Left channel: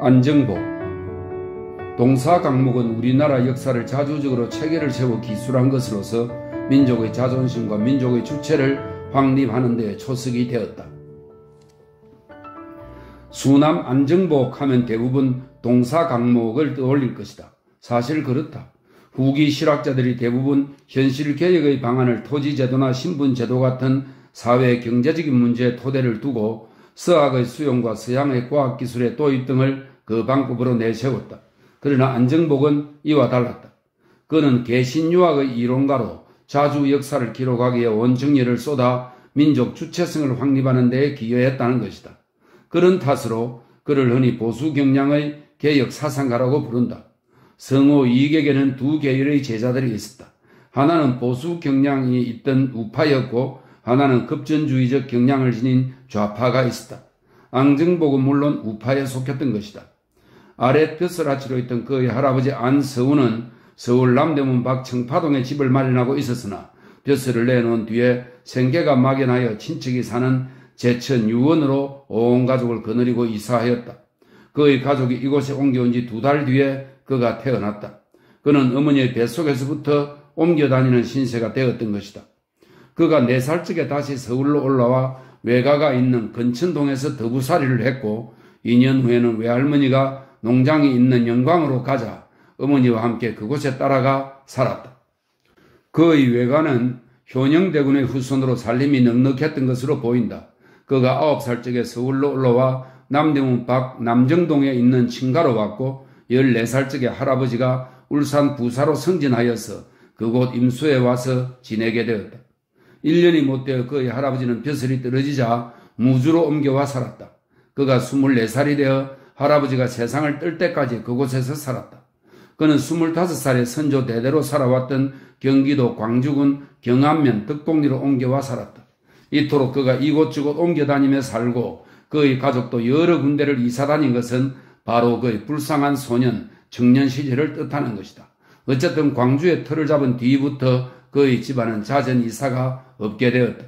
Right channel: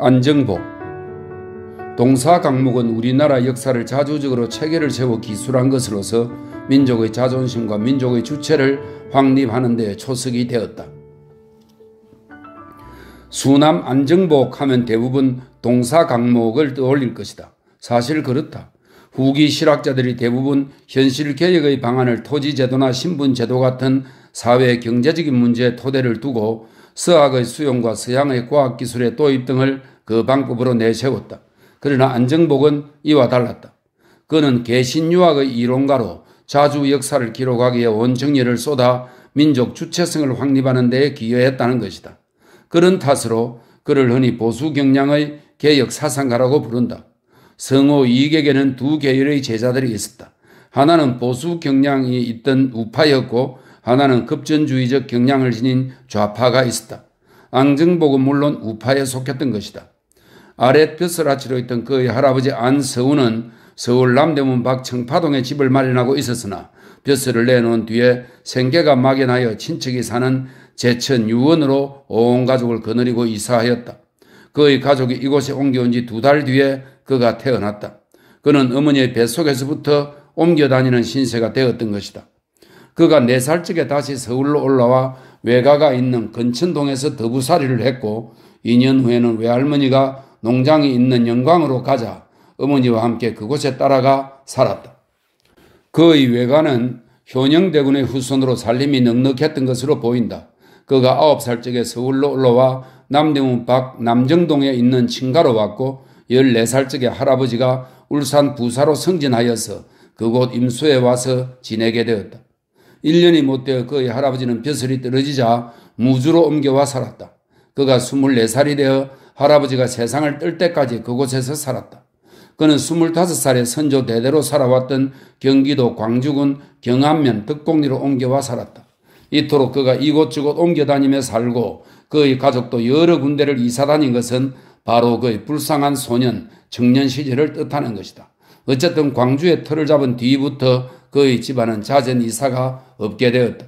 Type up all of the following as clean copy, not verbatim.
안정복. 동사 강목은 우리나라 역사를 자주적으로 체계를 세워 기술한 것으로서 민족의 자존심과 민족의 주체를 확립하는 데 초석이 되었다. 수남 안정복 하면 대부분 동사 강목을 떠올릴 것이다. 사실 그렇다. 후기 실학자들이 대부분 현실개혁의 방안을 토지제도나 신분제도 같은 사회 경제적인 문제에 토대를 두고 서학의 수용과 서양의 과학기술의 도입 등을 그 방법으로 내세웠다. 그러나 안정복은 이와 달랐다. 그는 개신유학의 이론가로 자주 역사를 기록하기에 온 정열을 쏟아 민족 주체성을 확립하는 데 기여했다는 것이다. 그런 탓으로 그를 흔히 보수 경향의 개혁 사상가라고 부른다. 성호 이익에게는 두 계열의 제자들이 있었다. 하나는 보수 경향이 있던 우파였고 하나는 급전주의적 경향을 지닌 좌파가 있었다. 안정복은 물론 우파에 속했던 것이다. 아래 벼슬아치로 있던 그의 할아버지 안서우는 서울 남대문 밖 청파동에 집을 마련하고 있었으나 벼슬을 내놓은 뒤에 생계가 막연하여 친척이 사는 제천 유원으로 온 가족을 거느리고 이사하였다. 그의 가족이 이곳에 옮겨온 지 2달 뒤에 그가 태어났다. 그는 어머니의 뱃속에서부터 옮겨 다니는 신세가 되었던 것이다. 그가 4살쯤에 다시 서울로 올라와 외가가 있는 근천동에서 더부살이를 했고 2년 후에는 외할머니가 농장이 있는 영광으로 가자 어머니와 함께 그곳에 따라가 살았다. 그의 외가는 효녕대군의 후손으로 살림이 넉넉했던 것으로 보인다. 그가 9살쯤에 서울로 올라와 남대문 밖 남정동에 있는 친가로 왔고 14살쯤에 할아버지가 울산 부사로 승진하여서 그곳 임수에 와서 지내게 되었다. 1년이 못되어 그의 할아버지는 벼슬이 떨어지자 무주로 옮겨와 살았다. 그가 24살이 되어 할아버지가 세상을 뜰 때까지 그곳에서 살았다. 그는 25살에 선조 대대로 살아왔던 경기도 광주군 경안면 덕곡리로 옮겨와 살았다. 이토록 그가 이곳저곳 옮겨다니며 살고 그의 가족도 여러 군데를 이사다닌 것은 바로 그의 불쌍한 소년, 청년 시절을 뜻하는 것이다. 어쨌든 광주에 터를 잡은 뒤부터 그의 집안은 잦은 이사가 없게 되었다.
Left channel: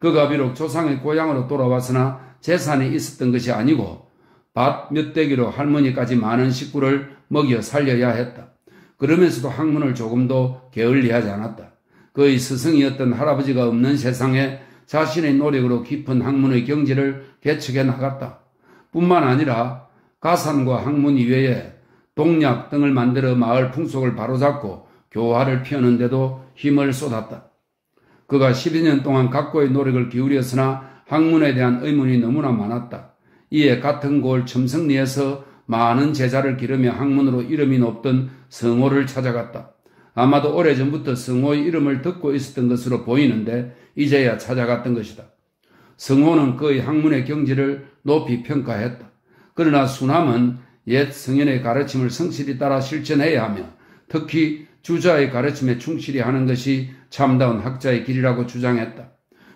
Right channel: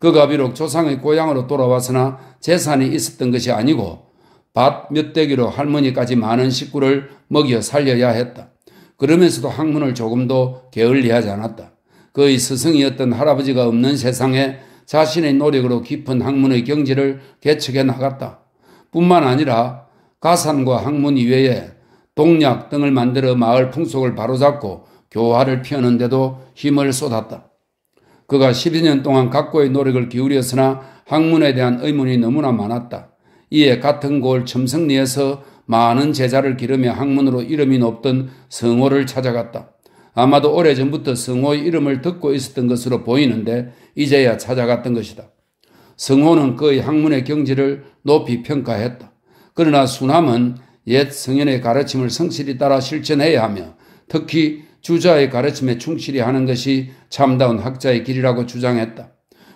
그가 비록 조상의 고향으로 돌아왔으나 재산이 있었던 것이 아니고 밭 몇 대기로 할머니까지 많은 식구를 먹여 살려야 했다. 그러면서도 학문을 조금도 게을리하지 않았다. 그의 스승이었던 할아버지가 없는 세상에 자신의 노력으로 깊은 학문의 경지를 개척해 나갔다. 뿐만 아니라 가산과 학문 이외에 동약 등을 만들어 마을 풍속을 바로잡고 교화를 피우는 데도 힘을 쏟았다. 그가 12년 동안 각고의 노력을 기울였으나 학문에 대한 의문이 너무나 많았다. 이에 같은 고을 첨성리에서 많은 제자를 기르며 학문으로 이름이 높던 성호를 찾아갔다. 아마도 오래전부터 성호의 이름을 듣고 있었던 것으로 보이는데 이제야 찾아갔던 것이다. 성호는 그의 학문의 경지를 높이 평가했다. 그러나 수남은 옛 성현의 가르침을 성실히 따라 실천해야 하며 특히 주자의 가르침에 충실히 하는 것이 참다운 학자의 길이라고 주장했다.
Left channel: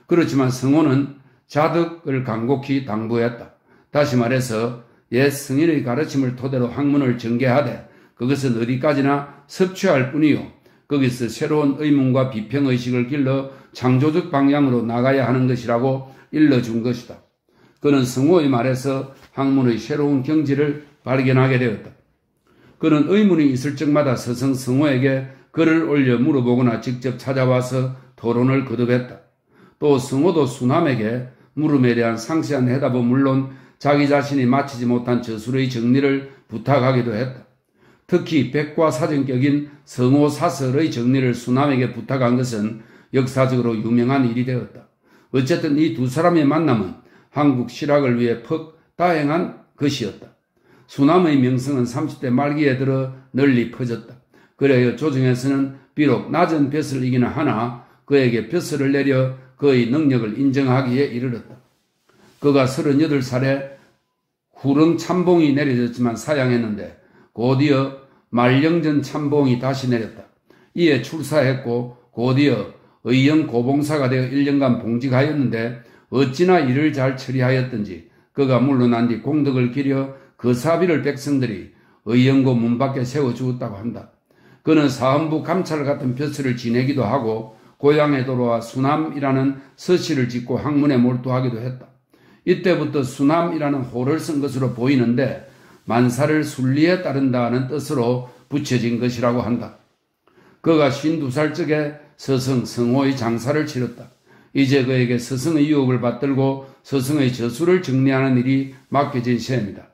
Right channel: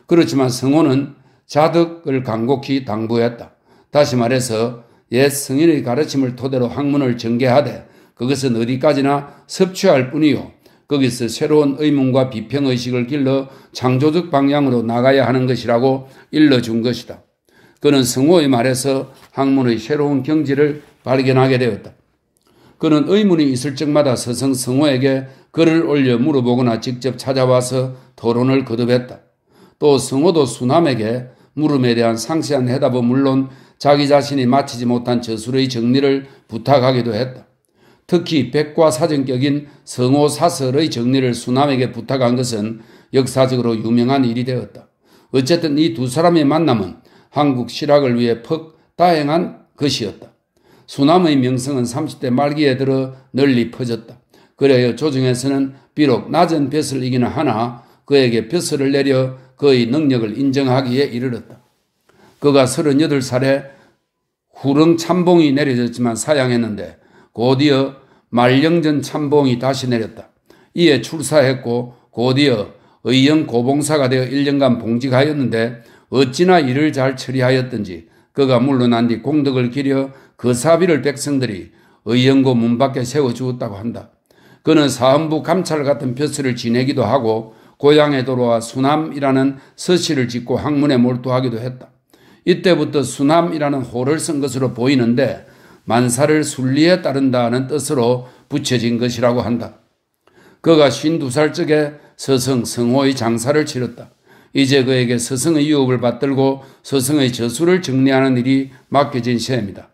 그렇지만 성호는 자덕을 간곡히 당부했다. 다시 말해서 옛 성인의 가르침을 토대로 학문을 전개하되 그것은 어디까지나 섭취할 뿐이요 거기서 새로운 의문과 비평의식을 길러 창조적 방향으로 나가야 하는 것이라고 일러준 것이다. 그는 성호의 말에서 학문의 새로운 경지를 발견하게 되었다. 그는 의문이 있을 적마다 스승 성호에게 글을 올려 물어보거나 직접 찾아와서 토론을 거듭했다. 또 성호도 수남에게 물음에 대한 상세한 해답은 물론 자기 자신이 마치지 못한 저술의 정리를 부탁하기도 했다. 특히 백과사전격인 성호 사설의 정리를 수남에게 부탁한 것은 역사적으로 유명한 일이 되었다. 어쨌든 이 두 사람의 만남은 한국 실학을 위해 퍽 다행한 것이었다. 수남의 명성은 30대 말기에 들어 널리 퍼졌다. 그래야 조정에서는 비록 낮은 벼슬을 이기는 하나 그에게 벼슬을 내려 그의 능력을 인정하기에 이르렀다. 그가 38살에 후릉 참봉이 내려졌지만 사양했는데 곧이어 말령전 참봉이 다시 내렸다. 이에 출사했고 곧이어 의령 고봉사가 되어 1년간 봉직하였는데 어찌나 일을 잘 처리하였던지 그가 물러난 뒤 공덕을 기려 그 사비를 백성들이 의령고 문 밖에 세워주었다고 한다. 그는 사헌부 감찰 같은 벼슬을 지내기도 하고 고향에 돌아와 수남이라는 서시를 짓고 학문에 몰두하기도 했다. 이때부터 수남이라는 호를 쓴 것으로 보이는데 만사를 순리에 따른다는 뜻으로 붙여진 것이라고 한다. 그가 52살 적에 서성 성호의 장사를 치렀다. 이제 그에게 서성의 유업을 받들고 서성의 저수를 정리하는 일이 맡겨진 셈이다.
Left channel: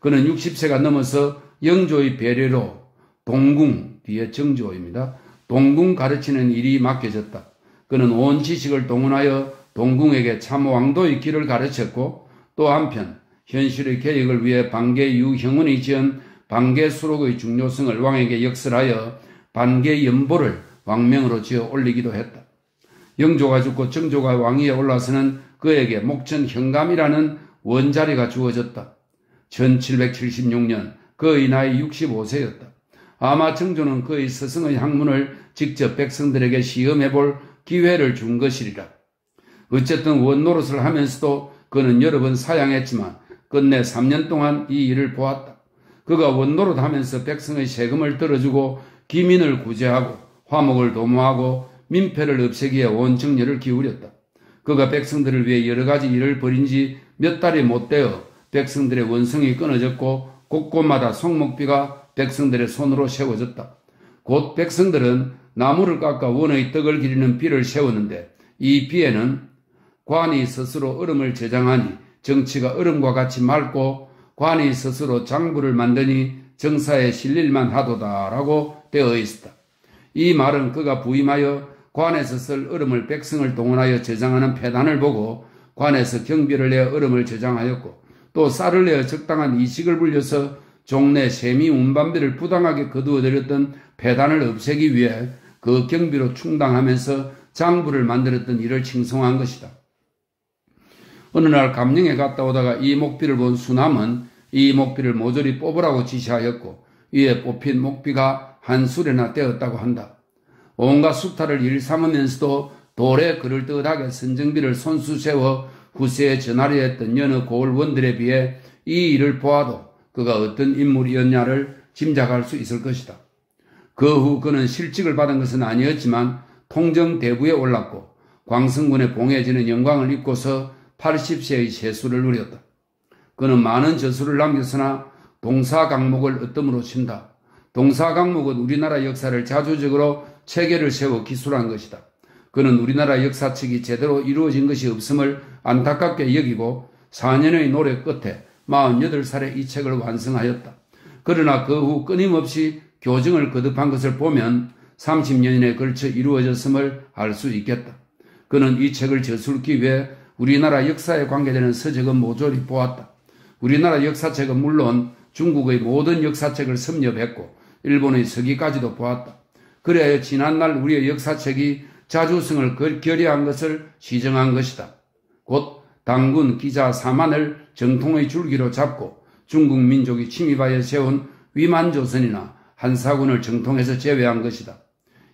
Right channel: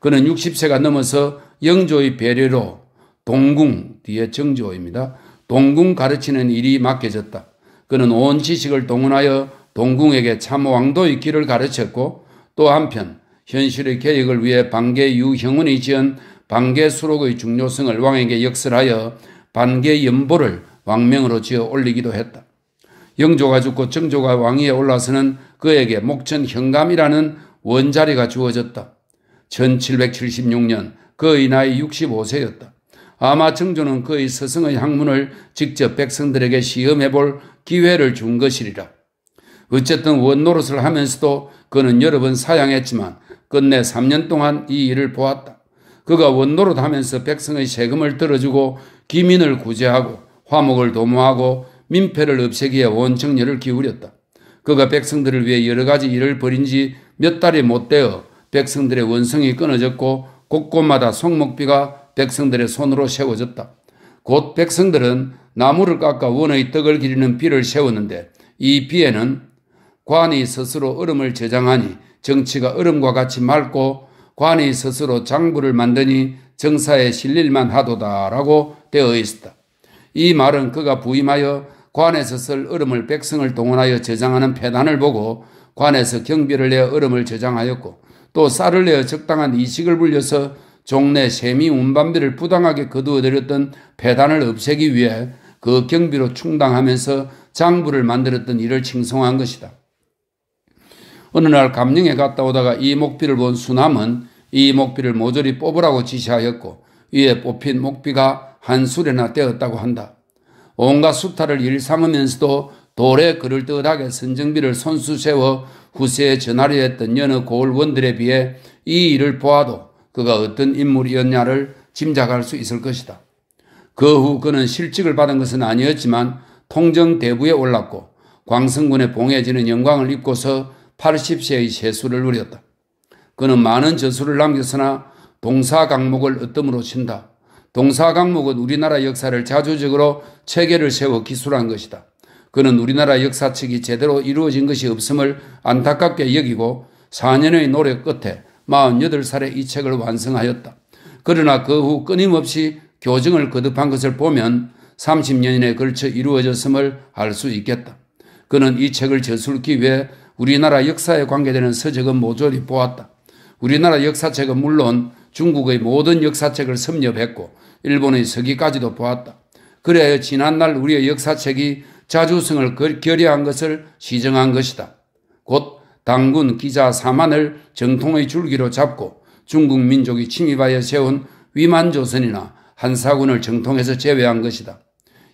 그는 60세가 넘어서 영조의 배려로 동궁, 뒤에 정조입니다. 동궁 가르치는 일이 맡겨졌다. 그는 온 지식을 동원하여 동궁에게 참 왕도의 길을 가르쳤고 또 한편 현실의 개혁을 위해 반개 유형운이 지은 반개수록의 중요성을 왕에게 역설하여 반개연보를 왕명으로 지어 올리기도 했다. 영조가 죽고 정조가 왕위에 올라서는 그에게 목천 현감이라는 원자리가 주어졌다. 1776년 그의 나이 65세였다. 아마 정조는 그의 서성의 학문을 직접 백성들에게 시험해볼 기회를 준 것이리라. 어쨌든 원노릇을 하면서도 그는 여러 번 사양했지만 끝내 3년 동안 이 일을 보았다. 그가 원노릇하면서 백성의 세금을 들어주고 기민을 구제하고 화목을 도모하고 민폐를 없애기에 온 정열을 기울였다. 그가 백성들을 위해 여러 가지 일을 벌인 지 몇 달이 못 되어 백성들의 원성이 끊어졌고 곳곳마다 송목비가 백성들의 손으로 세워졌다. 곧 백성들은 나무를 깎아 원의 떡을 기리는 비를 세웠는데 이 비에는 관이 스스로 얼음을 저장하니 정치가 얼음과 같이 맑고 관이 스스로 장부를 만드니 정사에 실릴만 하도다라고 되어 있었다. 이 말은 그가 부임하여 관에서 쓸 얼음을 백성을 동원하여 저장하는 폐단을 보고 관에서 경비를 내어 얼음을 저장하였고 또 쌀을 내어 적당한 이식을 불려서 종래 세미 운반비를 부당하게 거두어들였던 폐단을 없애기 위해 그 경비로 충당하면서 장부를 만들었던 이를 칭송한 것이다. 어느 날 감령에 갔다 오다가 이 목비를 본 수남은 이 목비를 모조리 뽑으라고 지시하였고 위에 뽑힌 목비가 한 수레나 떼었다고 한다. 온갖 수탈을 일삼으면서도 돌에 그럴듯하게 선정비를 손수 세워 후세에 전하려 했던 여느 고을원들에 비해 이 일을 보아도 그가 어떤 인물이었냐를 짐작할 수 있을 것이다. 그 후 그는 실직을 받은 것은 아니었지만 통정대부에 올랐고 광성군에 봉해지는 영광을 입고서 80세의 세수를 누렸다. 그는 많은 저수를 남겼으나 동사강목을 어뜸으로 친다. 동사강목은 우리나라 역사를 자주적으로 체계를 세워 기술한 것이다. 그는 우리나라 역사책이 제대로 이루어진 것이 없음을 안타깝게 여기고 4년의 노력 끝에 48살에 이 책을 완성하였다. 그러나 그 후 끊임없이 교정을 거듭한 것을 보면 30년에 걸쳐 이루어졌음을 알 수 있겠다. 그는 이 책을 저술기 위해 우리나라 역사에 관계되는 서적은 모조리 보았다. 우리나라 역사책은 물론 중국의 모든 역사책을 섭렵했고 일본의 서기까지도 보았다. 그래야 지난날 우리의 역사책이 자주성을 결여한 것을 시정한 것이다. 곧 당군 기자 4만을 정통의 줄기로 잡고 중국 민족이 침입하여 세운 위만조선이나 한사군을 정통해서 제외한 것이다.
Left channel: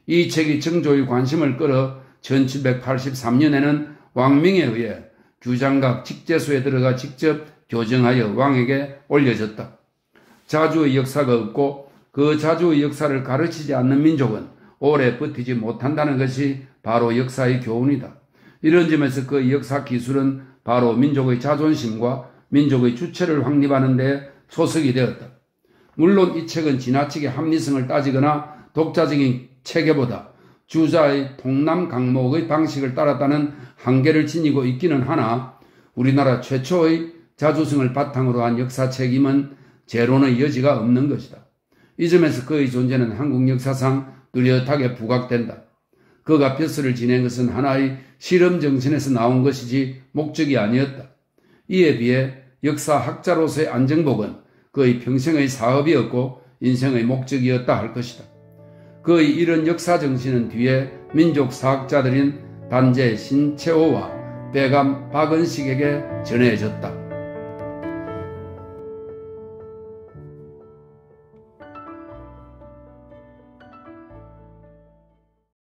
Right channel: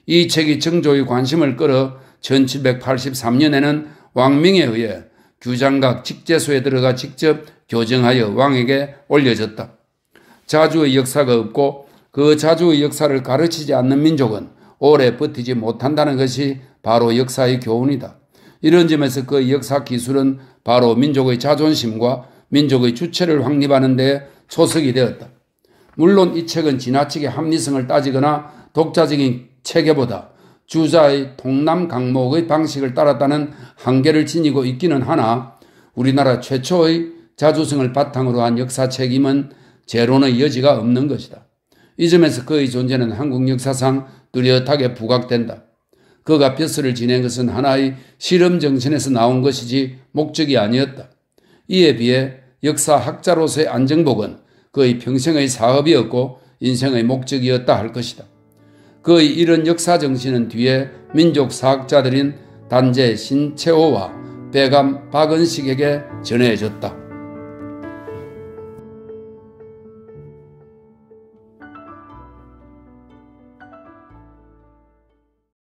이 책이 정조의 관심을 끌어 1783년에는 왕명에 의해 규장각 직제소에 들어가 직접 교정하여 왕에게 올려졌다. 자주의 역사가 없고 그 자주의 역사를 가르치지 않는 민족은 오래 버티지 못한다는 것이 바로 역사의 교훈이다. 이런 점에서 그 역사 기술은 바로 민족의 자존심과 민족의 주체를 확립하는 데 초석이 되었다. 물론 이 책은 지나치게 합리성을 따지거나 독자적인 체계보다 주자의 통남 강목의 방식을 따랐다는 한계를 지니고 있기는 하나 우리나라 최초의 자주성을 바탕으로 한 역사책임은 재론의 여지가 없는 것이다. 이 점에서 그의 존재는 한국 역사상 뚜렷하게 부각된다. 그가 벼슬을 지낸 것은 하나의 실험 정신에서 나온 것이지 목적이 아니었다. 이에 비해 역사학자로서의 안정복은 그의 평생의 사업이었고 인생의 목적이었다 할 것이다. 그의 이런 역사 정신은 뒤에 민족사학자들인 단재 신채호와 배감 박은식에게 전해졌다.